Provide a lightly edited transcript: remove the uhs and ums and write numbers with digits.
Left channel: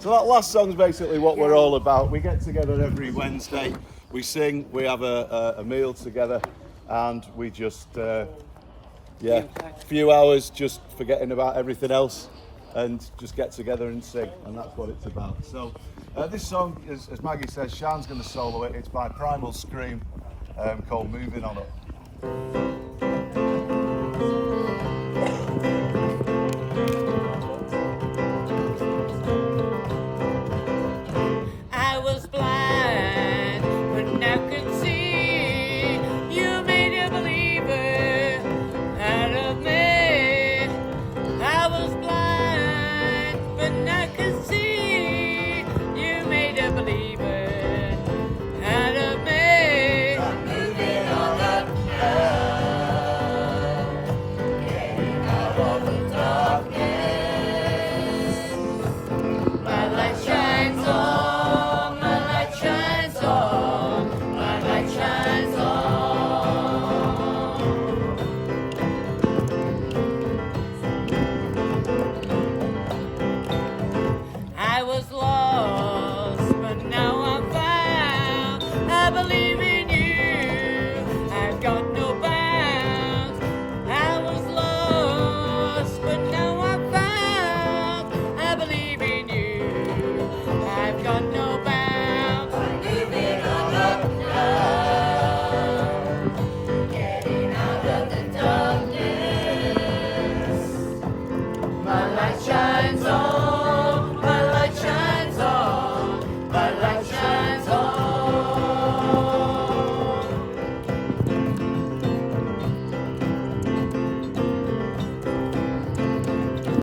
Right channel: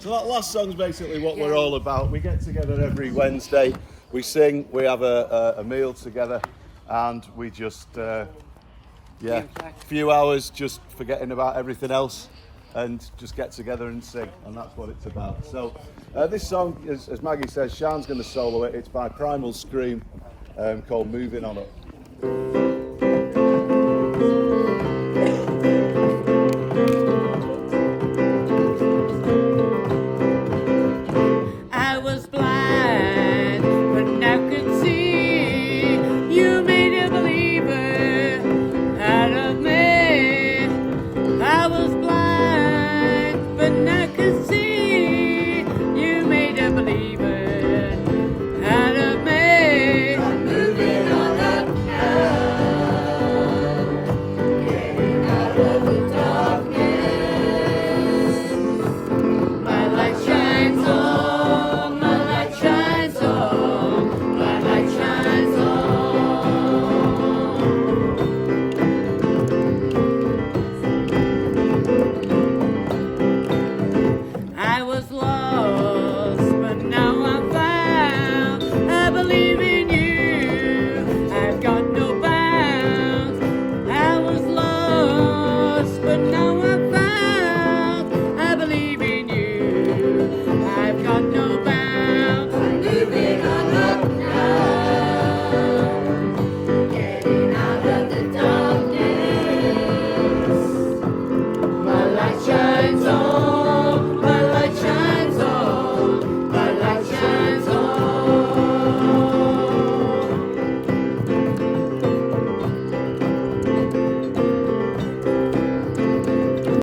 So that last song's basically what we're all about. We get together every Wednesday, we sing, we have a meal together, and we just, few hours just forgetting about everything else and just get together and sing, and that's what it's about. So this song, as Maggie says, Sian's going to solo it. It's by Primal Scream, called Moving On Up. I was blind, but now could see. You made a believer out of me. I was blind, but now could see. You made a believer out of me. I'm moving on up now, getting out of the darkness. My light shines on. I was lost, but now I'm found. I believe in you, I've got no bounds. I was lost, but now I'm found. I believe in you, I've got no bounds. I'm moving on up now, getting out of the darkness. My light shines